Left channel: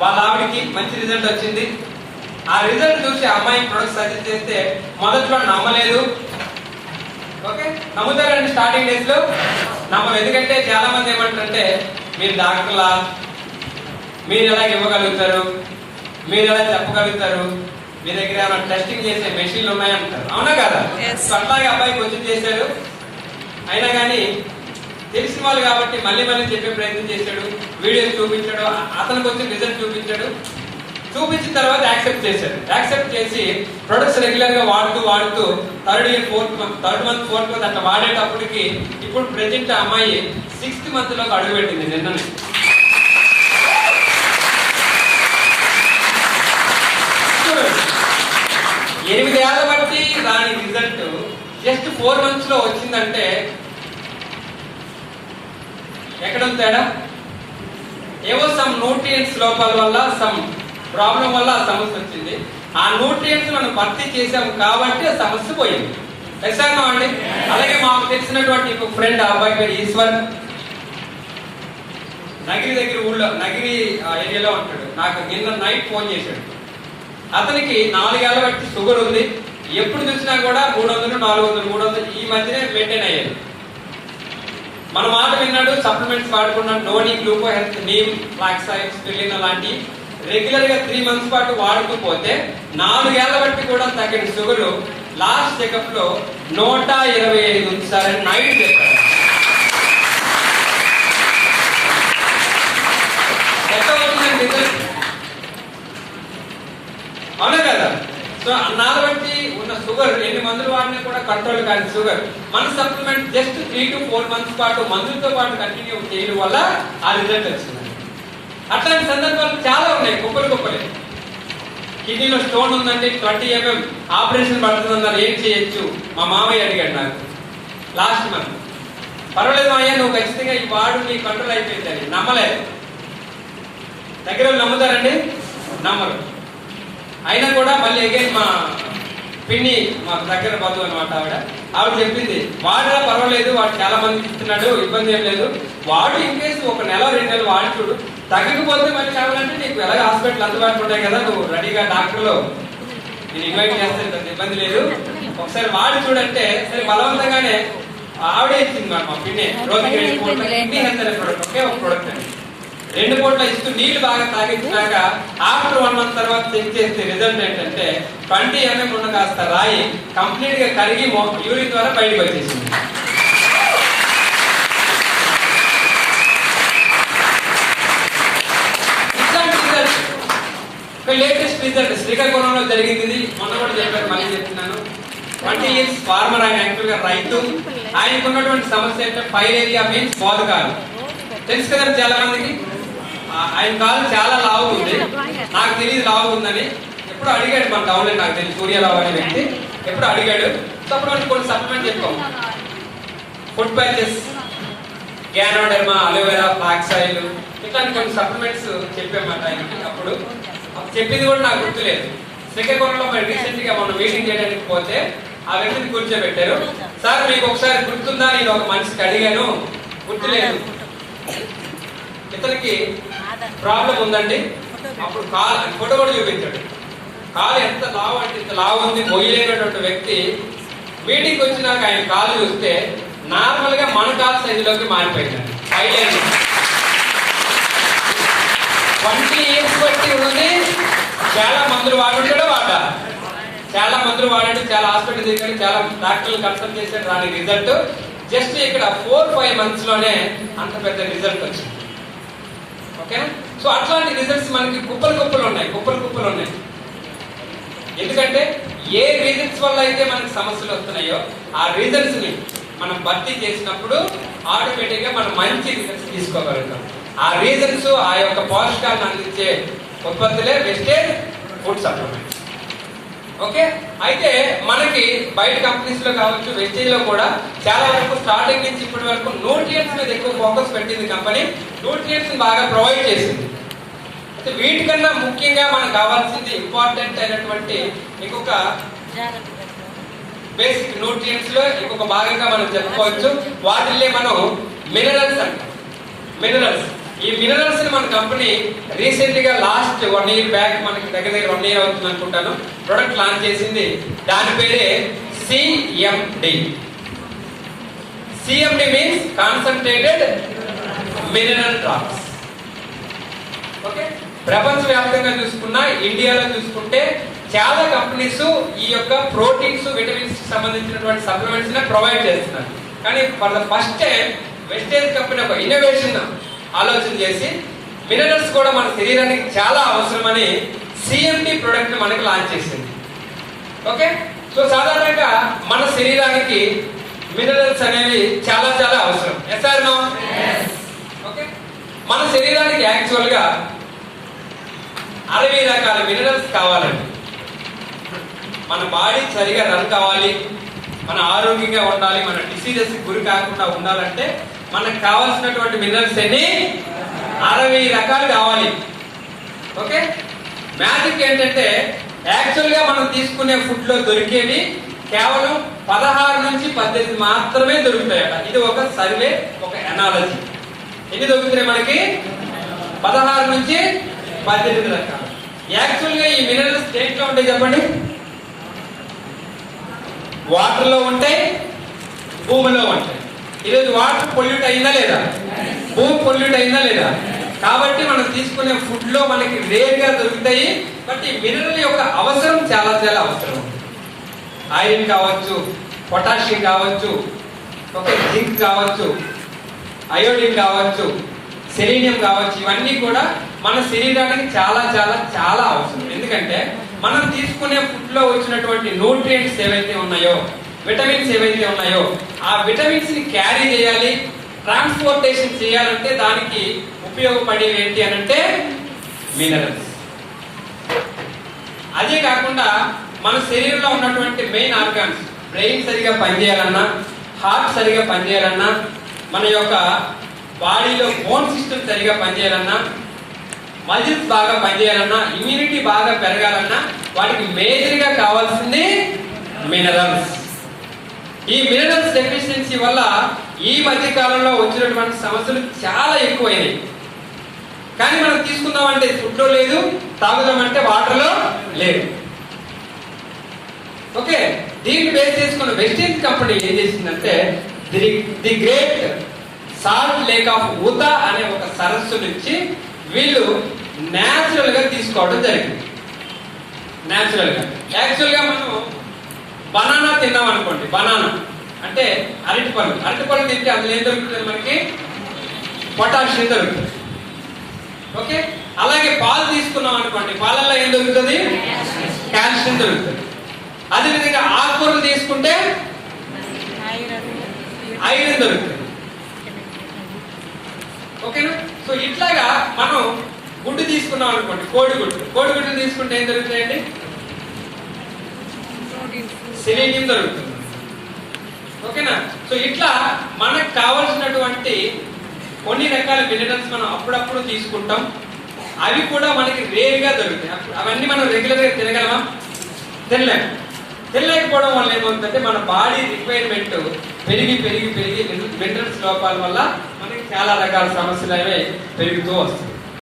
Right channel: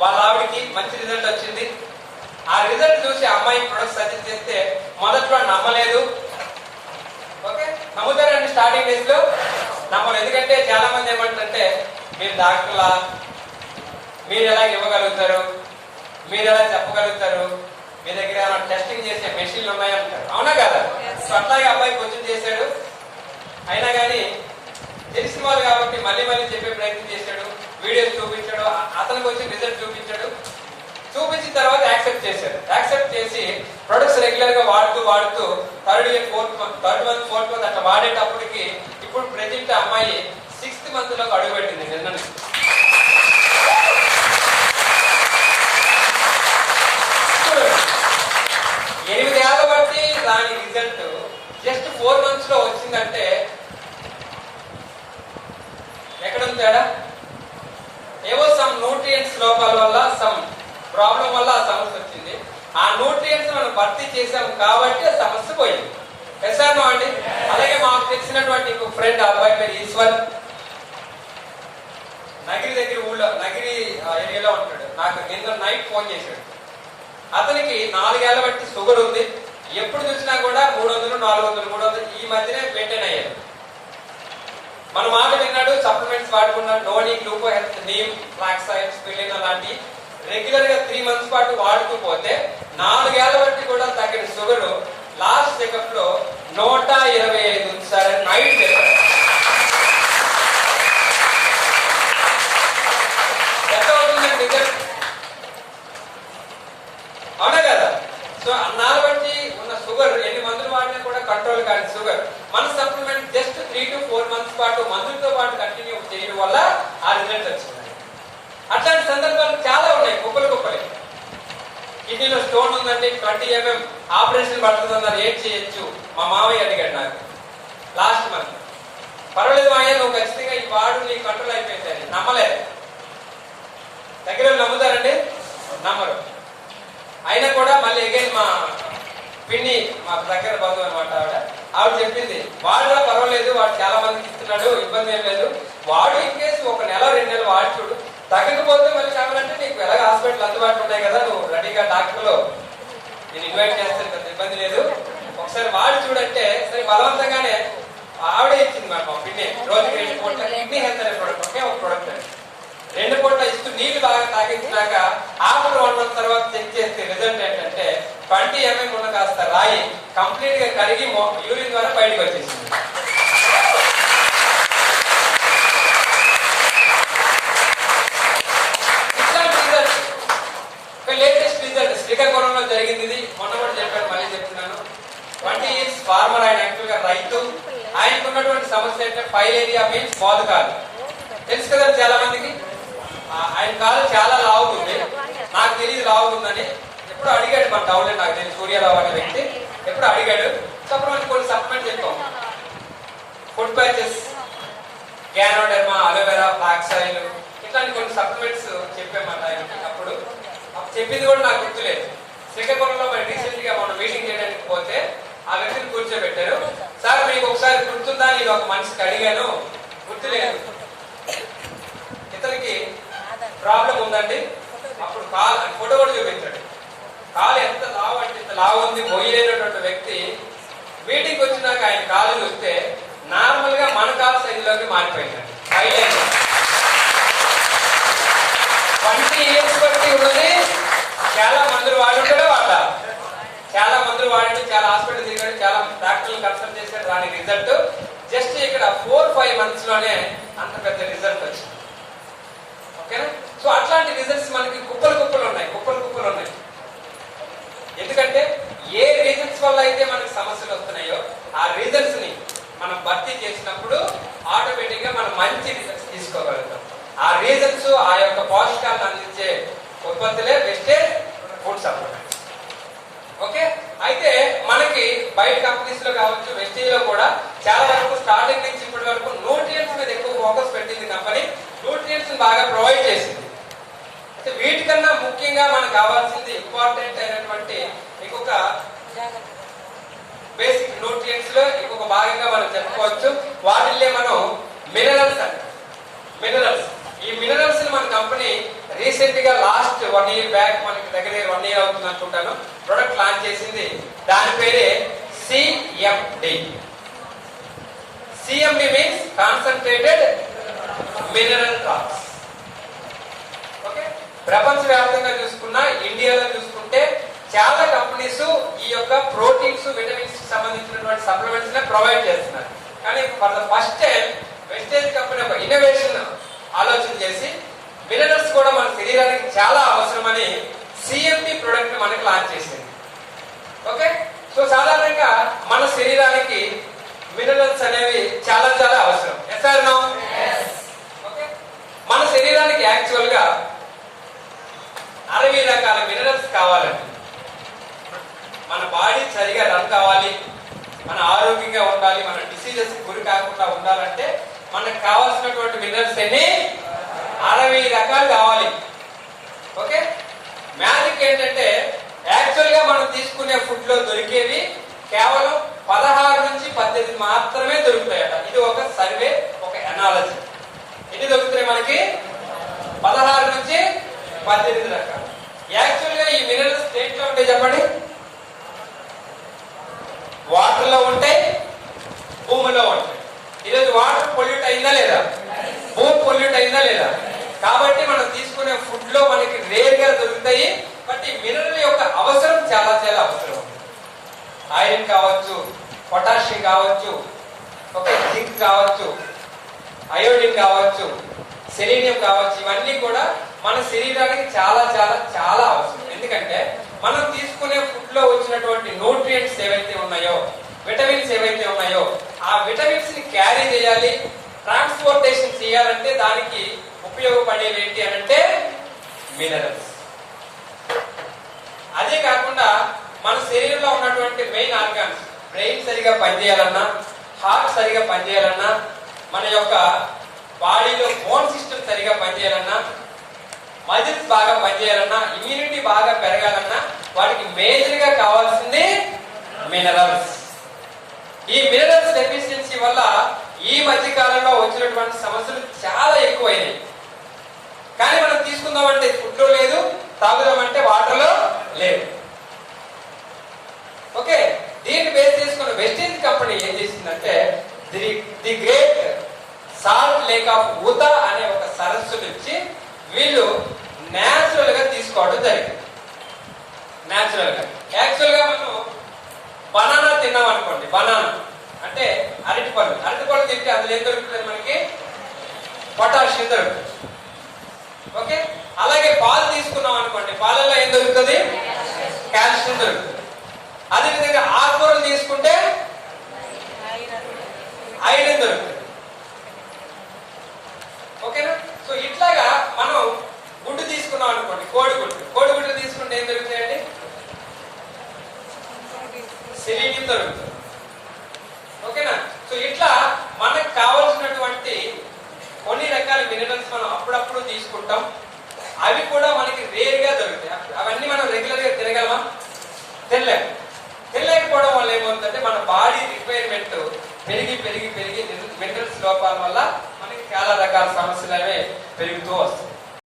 వాళ్ళ ఆవిడకి మంచి రిజల్ట్ వచ్చింది. ఆ రిజల్ట్ చూసి అమ్మాయి ప్రొడక్ట్ సజెస్ట్ చేస్తే మొదట్లో నమ్మలేదు. ఓకే, నమ్ముతారండి స్టార్టింగ్ డేస్ లో నమ్మరు. ఎందుకంటే చాలా మంది ఏమంటారంటే మీరు డాక్టర్లా, మీరు ఎలా ఇవ్వగలుగుతారు, మీరు ఎలా చెప్పగలుగుతారు, మీ దగ్గర ఏమైనా టెస్టింగ్ చేసే మెషిన్లు ఉన్నాయంటారు. అవునా కదా? సో అట్లాగే అబ్బాయి కొంచెం చేశాడు. అయినా కానీ తెలిసిన వాళ్ళు కాబట్టి మళ్ళీ మళ్ళీ చెప్పే ప్రయత్నం చేశాడు, వీడియోస్ చూపించాడు, అతనికి వచ్చి రిజల్ట్ చూపించాడు. చూపించిన తర్వాత యాక్సెప్ట్ చేశాడు. యాక్సెప్ట్ చేసి ప్రొడక్ట్స్ రెగ్యులర్ గా వాడుతూ థర్డ్ మంత్ ఫోర్త్ మంత్ అట్లా వాడేటప్పటికి ఇప్పుడు ప్రెజెంట్ అమ్మాయి 6th month లోకి అడుగుపెట్టింది. నిన్న 8 ఏళ్ల బట్టి దాని రిజల్ట్ జస్ట్ 4 months లో వచ్చిందంటే ఎక్కడ తేడా? ఏవో సమ్ న్యూట్రియంట్స్ లోపాల వల్ల, సమ్ ప్రాబ్లం వల్ల ఆ సమస్య వచ్చింది. ఆ న్యూట్రియంట్స్ మనం భర్తీ చేసాం కాబట్టి ఆ సమస్య పోయింది. ఎస్ఆర్ అండి. అలాగే మాకు తెలిసినటువంటి ఇంకొక ఫ్రెండ్, అబ్బాయి పేరు ఈశ్వర్, నగిరి దగ్గర ఊళ్ళో నగిరి ఏరియాలో ఉంటాడు. నాకు నిన్న నైట్ ఫోన్ చేశాడు. అతనికి 4 ఏళ్ల బట్టి షుగర్ ఉంది. ఎప్పుడు చూసినా కూడా 300, 400, 300 ఈ మధ్యనే మెయింటైన్ అయ్యాడు. మన మాట విన్నాడు, సప్లిమెంట్స్ వాడుకున్నాడు. నోని, గ్లూకో హెల్త్, నీమ్, ఫ్లాక్సైడ్, స్పిరులినా లాంటి రెగ్యులర్ గా 3 months పాటు వాడుతూ పోతే 4 ఏళ్ల బట్టి కూడా తగ్గిన షుగర్ లాస్ట్ చెకప్ లో 125 ఉంచారని నైట్ చెప్పాడు. ఎంత అవుతుందండి రిజల్ట్? అవునా కదా? సో అన్నాళ్ళు బట్టి ఉన్న షుగర్ ఎన్ని మందులు వాడినా కూడా కంట్రోల్ కాని షుగర్ మన సప్లిమెంట్ జస్ట్ 3 to 4 months పాటు మందులతో పాటు కంటిన్యూ చేయడం వల్ల ఆ రిజల్ట్ వచ్చింది. అట్లాంటి సందర్భాలు చాలా ఉన్నాయి, కుప్పలే. కిడ్నీలో స్టోన్ ఉందండి, 20 mm ఆపరేషన్ పడుతుందన్నారు. ఏం చేయొచ్చు? మా మామయ్య అడిగాడు నాకు లాస్ట్ మంత్. పర్వాలేదు మామయ్య, నువ్వు ఖచ్చితంగా ఈ వాడు నీ కంట్రోల్ అయిపోయింది. నమ్మలేదు. దగ్గర నమ్ముతారండి? నమ్మరు. అయినా కూడా మళ్ళీ అగైన్ మా పిన్ని, మా దగ్గర బంధువు అనమాట ఆవిడ చెప్పింది, వాడులా పర్వాలేదు, వాడు చాలా మందికి ఇస్తున్నాడు, ఇబ్బంది ఏం లేదు. వాడు ఇన్ కేసు 1 నెల 2 నెలలు వాడి చూడు, తగ్గకపోతే మళ్ళీ కావాలంటే నీకు ఎలాగ హాస్పిటల్ అందుబాటులో ఉంటాయి కదా, నువ్వు రెడీగా డాక్టర్లు నేను ఇన్వైట్ చేస్తే ఇబ్బంది లేదు, ఒకసారి వాడి చూడంటే సరే బలవంతంగానే ఆవిడే ఇచ్చింది మా పిన్ని. రోజుకి 2 పూటలు కిడ్నీ హెల్త్ అనే ప్రోడక్ట్, ఒకే ఒక ప్రోడక్ట్ అండి. 2 పూటలు ఇస్తూ నీళ్లు బాగా తాగించాక ఆఫ్టర్ 1 month తర్వాత చెక్ చేస్తే రిజల్ట్ ఏంటంటే 20 mm ఉన్న కాస్త రాయి కంప్లీట్ గా కరిగి యూరిన్ ద్వారా బయటకు వచ్చేసింది. ఇట్లాంటి రిజల్ట్ ఒక లేటెస్ట్ రిజల్ట్ శ్రీకాకుళంలో జరిగింది. మొన్న కూడా చెప్పారు, మళ్ళీ చెప్తున్నాను. 20 years ఫార్మర్. ఆయన యాక్చువల్ గా రైతు. ఆయనకు ఉన్నటువంటి సమస్య అంటే ఫైలేరియా మీన్స్ మోదకాలు. తెలుసు కదా చాలా మందికి. ఆయన కాలు చాలా లావు ఉంది. నాకు తెలియదు లావు ఉందని. ఎప్పుడు అడిగాడు మన టౌన్ లో, నాకు తెలియదు సూర్యరావు అనే వ్యక్తి ఎప్పుడు అడిగాడు. అప్పుడు కొన్ని సప్లిమెంట్ చెప్పాం, ఫుడ్ ప్యాచెస్, గ్యానోడెర్మా, అలోవెరా, ఫ్లాక్సాయిల్, ఇట్లాంటి కొన్ని సప్లిమెంట్స్ చెప్పామాట ఆయనకి. అప్పుడు చెప్పింది కూడా నాకు గుర్తులేదు. శ్రీకాకుళంలో మరి రీసెంట్ గా మనం మీటింగ్ చేయడానికి పోతే ఆ వ్యక్తిని కూర్చోబెట్టారు. సార్ మీకు ఒకసారి గుర్తుందా, నేను ఒక మనిషికి అడిగాను, గుర్తులేదు. ఇతనికి ప్రాబ్లం ఉందండి. అప్పుడు కాలు ఫోటో కూడా చూపించాడు. కాలు ఎంత లావు అంటే ఇంత లావు ఉంది, మొయ్యలేనటువంటి వ్యక్తి. మీటింగ్ వచ్చినాక ఆయన కాలు చూస్తే నార్మల్ గా మన కాలు సైజులోకి మారిపోయిందండి. 20 years బట్టి ఉన్నది. చాలా మందులు వాడుంటాడు, చాలా మందులు వాడాడు, చాలా హాస్పిటల్ తిరిగాడు, చాలా డాక్టర్లు కన్సల్ట్ చేశాడు. దానికి రిజల్ట్ జస్ట్ ఇక్కడ 4-5 months లోనే అంత పెద్ద రిజల్ట్ వచ్చింది. ఓకేనా? సో అట్లాంటి రిజల్ట్స్ మనకి కుప్పలు ఉన్నాయి. ఎందుకంటే ఏ రీజన్స్ వల్ల అయితే మనకి సమస్యలు వస్తున్నాయో ఆ రీజన్స్ ని మనం భర్తీ చేసినప్పుడు ఆటోమేటిక్ గా మనం మంచి రిజల్ట్స్ తీసుకోగలుగుతాం. ఆ రీజన్స్, ఆ యొక్క పోషకాలను అందించే ఉత్పత్తులే వెస్టేజ్ ఫుడ్ సప్లిమెంట్స్. ఓకే, అయితే మనకి బయట కంపెనీస్ లో కావచ్చు, వెస్టేజ్ లో కూడా చాలా వరకు స్టార్టింగ్ నుంచి ఇప్పటి వరకు న్యూట్రియంట్స్ మీద ఎక్కువ ఫోకస్ పెట్టింది కంపెనీ. న్యూట్రియంట్స్ బాగా ప్రొవైడ్ చేసింది. అయితే వీటికన్నా ముఖ్యంగా మనకు కావాల్సింది ఇంపార్టెంట్ అయినటువంటి ఇంకొక బేసిక్ న్యూట్రియంట్స్ లో ఇంకొక భాగంగా మనం చెప్పుకోవచ్చు. వాటిల్లే మనం మినరల్స్ అంటాం. మినరల్స్ ఈ మినరల్స్ ని మన కంపెనీ రీసెంట్ గా లాస్ట్ 1 year బ్యాక్, మనకి దగ్గర 1 year అవుతుంది అనుకుంటాను, ప్రొడక్ట్ లాంచ్ చేసింది. దాని పేరే CMD. CMD means concentrated mineral drops. Okay, ప్రపంచవ్యాప్తంగా చూసుకున్నా, ఇండియాలో చూసుకుంటే చాలా కంపెనీస్ ఈ యొక్క ప్రోటీన్స్, విటమిన్స్ సంబంధించినటువంటి సప్లిమెంట్స్ ని ప్రొవైడ్ చేస్తున్నారు. కానీ for the first time Vestige company ఒక ఇన్నోవేషన్ ఆలోచన చేసి మినరల్స్ కూడా మన శరీరానికి చాలా అవసరమని సిఎండి ప్రొడక్ట్ మనకి లాంచ్ చేసింది. ఓకే, సో సాధారణంగా మన శరీరానికి మినరల్స్ అనేవి చాలా చాలా అవసరం. Yes are no? ఓకే, మన శరీరానికి యాక్చువల్ గా 60 రకాల మినరల్స్ కావాలండి. మన బాడీ సరిగా రన్ కావాలి, మన ఆరోగ్యంగా ఉండాలి, మన డిసీజెస్ గురి కాకుండా ఉండాలంటే మనకు కావాల్సినటువంటి మినరల్స్ అన్ని 60 రకాలు కావాలి. ఓకే, మ్యాజిక్ ఏంటంటే యాక్చువల్ గా మనం తీసుకునే ఫుడ్ లో దొరికేవి కేవలం 16 నుంచి 18 మాత్రమే దొరుకుతాయట. ఇది ఒక సర్వే, ఒక ఎనాలజీ. ఎన్ని దొరుకుతున్నాయి మనకి? 16 నుంచి 18 రకాలు. యాక్చువల్ గా ఈ మినరల్స్ దేంట్లో ఉంటాయి చెప్పండి? వాటర్ లో ఉంటాయి, భూమిలో ఉంటాయి. ఈరోజు వాటర్ పొల్యూట్ అయిందా లేదా? భూమి పొల్యూట్ అయిందా లేదా? కాబట్టి మనం తీసుకునే ఫుడ్ లో మనకి రేర్ గా దొరుకుతాయి. బట్ ఈ మినరల్ యొక్క అవసరం చాలా చాలా అవసరం. ఐరన్ కావచ్చు, పొటాషియం కావచ్చు, ఓకే, జింక్ కావచ్చు, అయోడిన్ కావచ్చు, సెలీనియం కావచ్చు. ఇవన్నీ కూడా మన శరీరానికి చాలా చాలా చాలా అవసరం. ఎందుకంటే మనం తీసుకునే ఫుడ్ లో వచ్చినటువంటి న్యూట్రియంట్స్ ఏవైతే ఉన్నాయో, విటమిన్స్ ఏవైతే ఉన్నాయో, ఆ విటమిన్స్ ని క్యారీ చేయాలి, ట్రాన్స్పోర్టేషన్ చేయాలంటే దానికి ఉపయోగపడేవి ఏంటి అనంటే మినరల్స్. అదే కాకుండా మన శరీరంలో ఉన్నటువంటి మెయిన్ ఆర్గాన్స్, బ్రెయిన్ సరిగా పనిచేయాలన్నా, హార్ట్ సరిగా పనిచేయాలన్నా, మన యొక్క బాడీలో బోన్ సిస్టమ్ సరిగా పనిచేయాలన్నా, మజిల్స్ బాగా పనిచేయాలన్నా, ఇమ్యూనిటీ బాగా పెరగాలన్నా వాటికి మేజర్ గా కావాల్సింది మినరల్స్. ఈ మినరల్స్ డెఫిషియన్సీ వల్ల ఈ మధ్య కాలంలో వచ్చినటువంటి సమస్యలు చాలా ఎక్కువైనాయి. కానీ మనం తీసుకుందామంటే ఫుడ్ లో లేదు, తాగుదామంటే వాటర్ లో లేదు. ఓకే, దీన్ని బేస్ చేసుకున్న వెస్టేజ్ కంపెనీ ఏం చేసిందంటే the great salt lake of Utah అనే ఒక సరస్సు నుంచి వీళ్ళు నేచురల్ గా తీసుకోవడం జరిగింది. నేచురల్ గా యాక్చువల్ గా మనం బనానా తిన్నాం అనుకోండి, బనానా అంటే అరటిపళ్ళు తింటే అందులో ఏం దొరుకుతుంది? మనకి పొటాషియం దొరుకుతుంది. ఓకే, అలాగే పాలు తీసుకున్నాం అనుకోండి, పాలల్లో ఏం దొరుకుతుంది? కాల్షియం దొరుకుతుంది. అదే విధంగా ఆకుకూరలు తీసుకుంటే ఐరన్ దొరుకుతుంది. ఓకేనా? సో ఇట్లాగా మనం గుడ్డు తీసుకున్నాం అనుకోండి, కోడిగుడ్డు తీసుకుంటే ఏం దొరుకుతాయండి? సెలీనియం దొరుకుతుంది. ఓకేనా? సో ఇట్లా మనకు కావలసినటువంటి కొన్ని రకాల మినరల్స్ మనం అప్పుడప్పుడు తీసుకుంటాం. అవి కూడా మనకి రేర్ గా దొరుకుతాయి. అవన్నీ మనం రెగ్యులర్ గా తినగలమా? తినలేకపోవడం వల్ల ఏమవుతుందంటే మన బాడీ రిక్వైర్మెంట్ పెరిగి మినరల్స్ లోపాల వల్ల మనకి చాలా రకాల సమస్యలు అనేవి పెరుగుతూ వస్తాయి.